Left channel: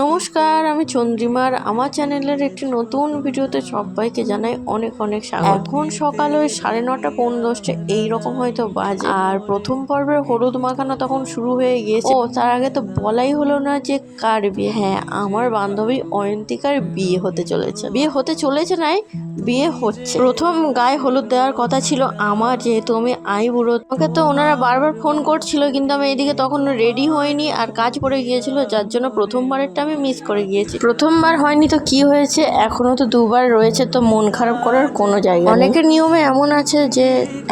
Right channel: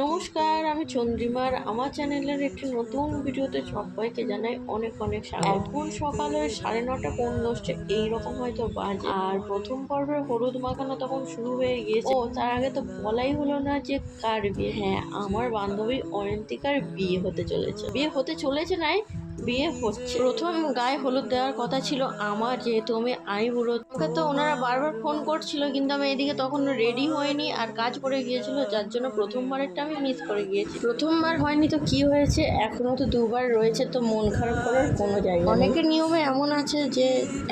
নমস্কার, আমি চন্দ্রিমার আমার চ্যানেলের একটি নতুন ভিডিওতে সবাইকে জানাই অনেক অনেক স্বাগত। এখন সকাল ওই 9:30 পৌনে 10টা এইরকম হয়তো বাজে। আর প্রথম পর্বের হলুদ মাখানো তখন শুরু হয়ে গিয়েছে। ও তার আগে তো বলাই হলো না যে কার বিয়ে। হ্যাঁ, আমার বান্ধবী অয়ন্তিকার বিয়ে হতে চলেছে। নাই, বিয়ে হচ্ছে। প্রথম গায়ে হলুদ দেওয়ার কথা ছিল আমার, যেহেতু আমি আইবুড়ো। আমাকে তো ওনারা বারবার ফোন করছিল, কিন্তু আমি এদিকে তখন রেডি হইনি আর কাজ পড়ে গিয়েছিল, যার জন্য প্রথমবারেরটা আমি মিস করে গিয়েছি। প্রথমবার হয়নি তো কি হয়েছে, এখনো তো দুবার রয়েছে, তো মন খারাপ করার কোনো জায়গা নেই। অনেকের নিয়মে এমন আছে যে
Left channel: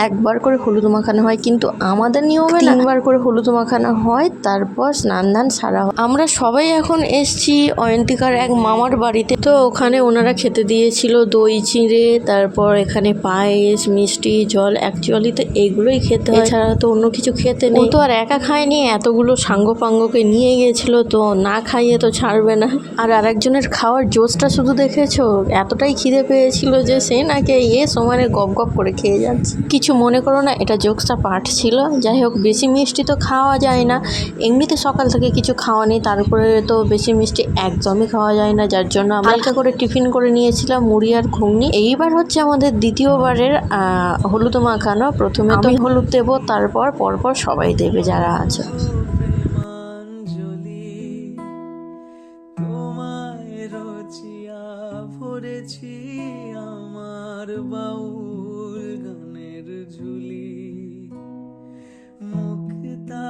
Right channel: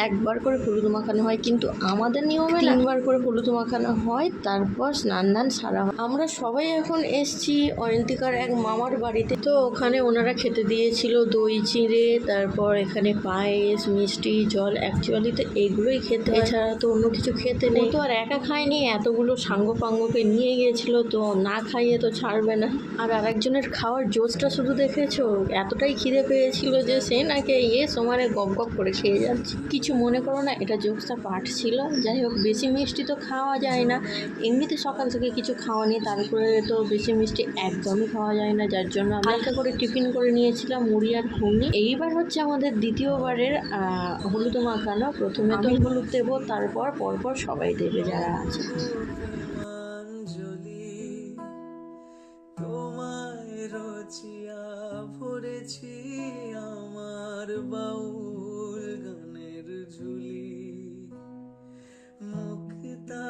একবার করে হলুদ মাখানো হয়, কিন্তু আমাদের নিয়মে 3বার করে হলুদ মাখানো হয়, তারপর স্নান দান সারা হয়। আমরা সবাই এখন এসছি অয়ন্তিকার এক মামার বাড়িতে। তো ওখানে ওনারা খেতে দিয়েছিল দই চিঁড়ে, তারপর এখানে পায়েস, মিষ্টি, জল। অ্যাকচুয়ালি তো এগুলোই খেতে হয়, এছাড়া তো অন্য কিছু খেতে নেই। তো আর একা খায়নি, এতগুলো সাঙ্গপাঙ্গকে নিয়ে গেছিল, তো না খাইয়ে তো ছাড়বে না। আর আরেকজনের খাওয়ার জোশটা শুধু দেখেছো, এতটাই খিদে পেয়েছিল যে সে নাকি সমানে গপ গপ করে খেয়ে যাচ্ছে। কিছু মনে করো না, এটা জোকসটা পাঠ ছিল। যাই হোক, বেশি মিষ্টি তো খাওয়া যায় না, এমনিতে সকাল থেকে কিছু খাওয়া নেই, তারপরে তো বেশি মিষ্টি একদমই খাওয়া যায় না, যার জন্য আমরা হালকা করে টিফিন করে নিয়েছিলাম মুড়ি আর ঘুগনি। এইবার হচ্ছে আমাদের দ্বিতীয়বারের হলুদ মাখানো। প্রথমে তো আমি হলুদ দেবো, তারপর পরপর সবাই দেবে যারা আছে। আমার বাউল গানের ঝুলি মুক্তা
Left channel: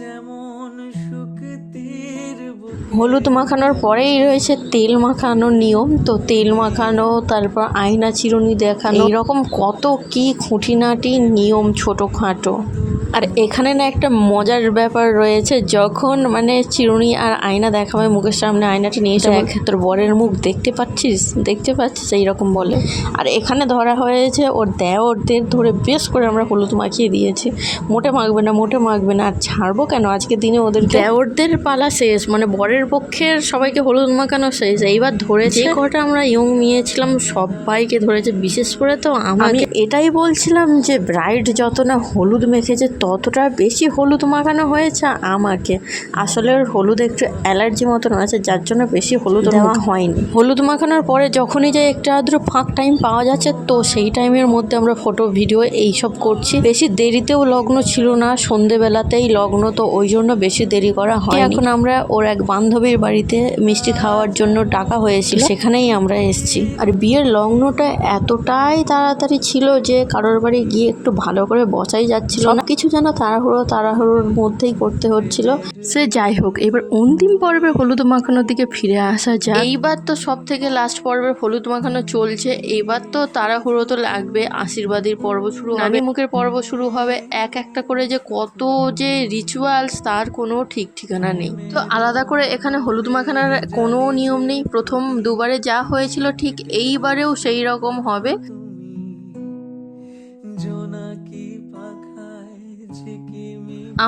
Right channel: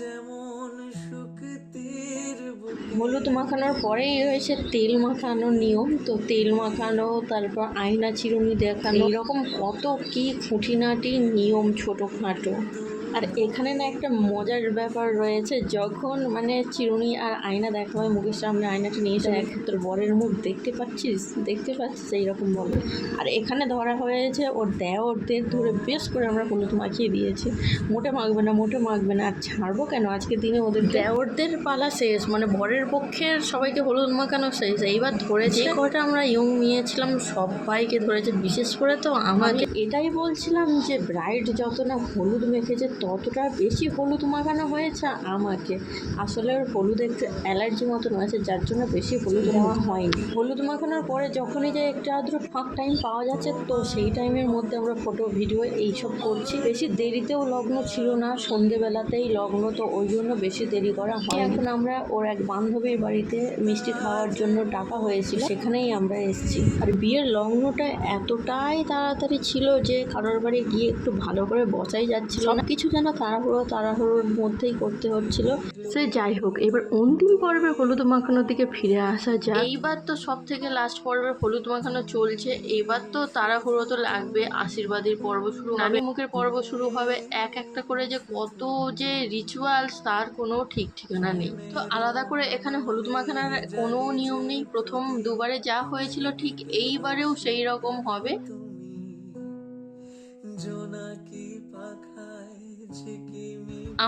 যেমন শুকতির। হলুদ মাখানোর পরেই রয়েছে তেল মাখানোর নিয়ম। তো তেল মাখানো, তারপর আয়না চিরুনি দেখানো, এইরকম কত কি খুঁটিনাটি নিয়ম ছোটোখাটো। আর এখানে না একটা মজার ব্যাপার রয়েছে, যখন মানে চিরুনি আর আয়না দেখাবে মুখের সামনে, আয়নাটা নিয়ে এসে তোর বরের মুখ দেখতে পাচ্ছিস এইরকম বলে। আর এখানে ধরা হয়েছে ওর দেওরদের, ধরে বেশ করে আমরা হলুদ মাখিয়ে দিয়েছি। মোটে মাখবে না আর ছাড়বো কেন, আজকের দিনে ওদের দেওরদের পালা শেষ, মানে বরের পক্ষের সবাইকে হলুদ মাখানো শেষ। এইবার ধরেছে যে কটা আমরা ইয়ং নিয়েছিলাম সবাইকে ধরেছে, বিশেষ করে তো আমি এটাই বলছিলাম যে ব্রাইড যত না হলুদ মেখেছে ততটা বেশি হলুদ মাখানো হয়েছে আমাকে। আসলে ওর হলুদ একটু অ্যালার্জি মতন আছে, যার জন্য বেশি হলুদ দেওয়া হয়নি। হলুদ মাখানোর পরে যখনই যে একটু আদ্র ফাঁক টাইম পাওয়া যাচ্ছে, তো সেই টাইমের মধ্যে আমরা ফটো ভিডিও এইসব করছি। বেশি দেরিতেও লগ্ন ছিল না, সন্ধেবেলাতেই লগ্ন, তো ওই জন্য বেশি দেরি করা হয়। এখন আমরা ওর এক বান্ধবীর বাড়িতে মিষ্টি খাওয়ার জন্য ডাকা হয়েছিল, সেখানেই আমরা এসেছি। আর বিয়ের লগ্নটা এতটাই তাড়াতাড়ি ছিল যে কারোর বাড়ি গিয়ে একটু ভালো করে বসাই যাচ্ছিল না, কিছু যেন তাড়াহুড়োর মধ্যেই করতে হচ্ছিল। সে যাই হোক, এবার অন্তিম পর্বে হলুদ মাখানোর দিকে ফিরে আসা যায়। এইবার তো সব থেকে লাস্ট পর্বের হলুদ মাখানো চলছে। এবার তো তাড়াহুড়ো তো লাগবে, আশীর্বাদের পর্ব শুরু হবে, নানি মুখের পর্ব শুরু হবে, এক একটা করে যে কত যে রিচুয়ালস তার কোনো ঠিক ঠিকানা নেই। তো আলাদা করে এখানে হলুদ মাখানোর কোনো নিয়ম নেই, প্রথম দুবারে যা হয়েছিল ঠিক এইবারেও সেই রকম হবে।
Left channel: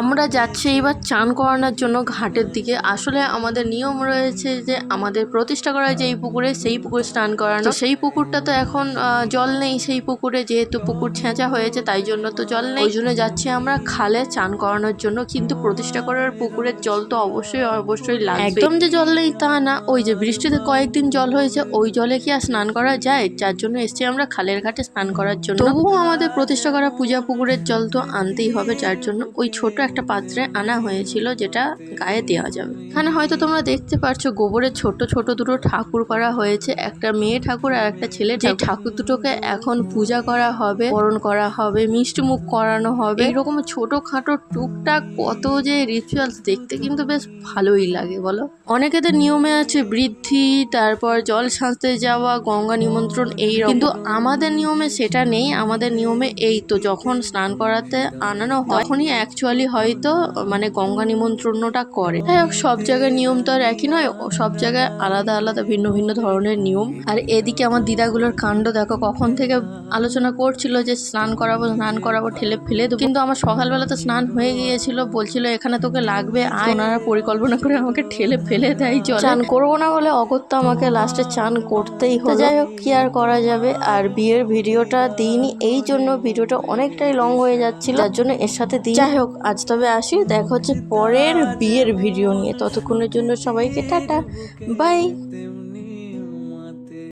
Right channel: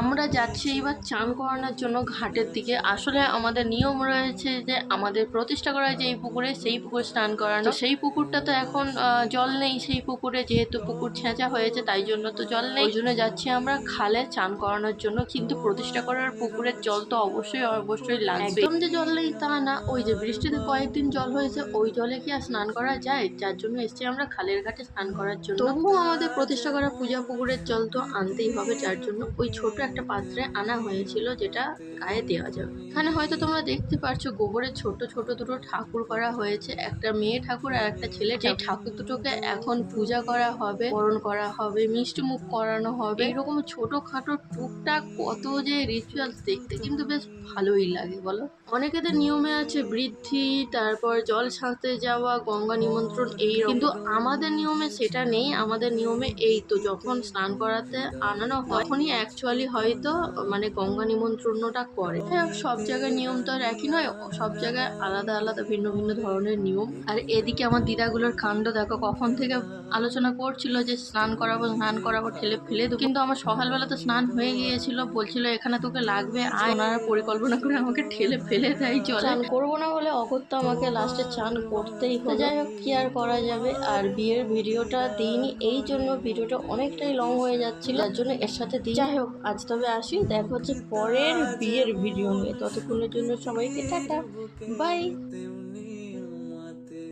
আমরা যাচ্ছি এবার চান করানোর জন্য ঘাটের দিকে। আসলে আমাদের নিয়ম রয়েছে যে আমাদের প্রতিষ্ঠা করা যেই পুকুরে, সেই পুকুরে স্নান করানো। সেই পুকুরটা তো এখন জল নেই, সেই পুকুরে যেহেতু পুকুর ছেঁচা হয়েছে তাই জন্য তো জল নেই, ওই জন্য যাচ্ছি আমরা খালে চান করানোর জন্য। কিন্তু প্রতিষ্ঠা করার পুকুরের জল তো অবশ্যই লাগবে। একদম যে জল নেই তা না, ওই যে বৃষ্টিতে কয়েকদিন জল হয়েছে, ওই জলে কি আর স্নান করা যায়, যার জন্য এসছি আমরা খালের ঘাটে স্নান করার জন্য। তবুও আমাদের প্রতিষ্ঠা করা পূজা পুকুরের জল তো আনতেই হবে, যার জন্য ওই ছোট একটা পাত্রে আনা হয়েছিল, যেটা গায়ে দেওয়া যাবে। এখানে হয়তো তোমরা দেখতে পাচ্ছো গোবরের ছোট ছোট দুটো ঠাকুর করা হয়েছে, একটা মেয়ে ঠাকুর আর একটা ছেলে। যে ঠাকুর দুটোকে এখন পূজা করা হবে, বরণ করা হবে, মিষ্টি মুখ করানো হবে, এইরকম ছোটখাটো টুকটাক কত যে রিচুয়ালস, দেখতে কিন্তু বেশ ভালোই লাগে বলো। অনেকেদের নিয়মে আছে বৃদ্ধি, তারপর জল সাঁচতে যাওয়া, গঙ্গা নিমন্ত্রণ, কিন্তু আমাদের নিয়মে সেটা নেই। আমাদের নিয়মে এই তো যখন স্নান করাতে আনানো হয় তখনই অ্যাকচুয়ালি হয়তো মানে গঙ্গা নিমন্ত্রণটা করে। সব জায়গায় নিয়ম তো আর একই নয়, সব জায়গায় আলাদা আলাদা ভিন্ন ভিন্ন ধরনের নিয়ম। আর এদিকে আমার দিদাগুলোর কাণ্ড দেখো, কখন থেকে আলোচনা করছিল যে স্নান করাবো ঠেলে ফেলে দেবো, কিন্তু আমার সকালবেলা তো স্নান হয়ে গিয়েছিল, বলছিল এখানে তোকে লাগবে, আর ওনারা পরিকল্পনা করে আমাকে ঠেলে ফেলে দেয় জলে। চান করবো না বলে অগত্যা আমাকে লাস্টে চান করতেই হলো। যাই হোক, কি আর করা যাবে। আর বিয়ের ভিডিওটা দিইনি এই জন্য ভিডিওটা অনেকটাই লং হয়ে যাচ্ছিল, যার জন্য এর সাথে দিই। যাই হোক, আর আজ তবে আসি, দেখা হচ্ছে পরের বিয়ের ভিডিও নিয়ে। ততক্ষণের জন্য সবাইকে টাটা, বাই।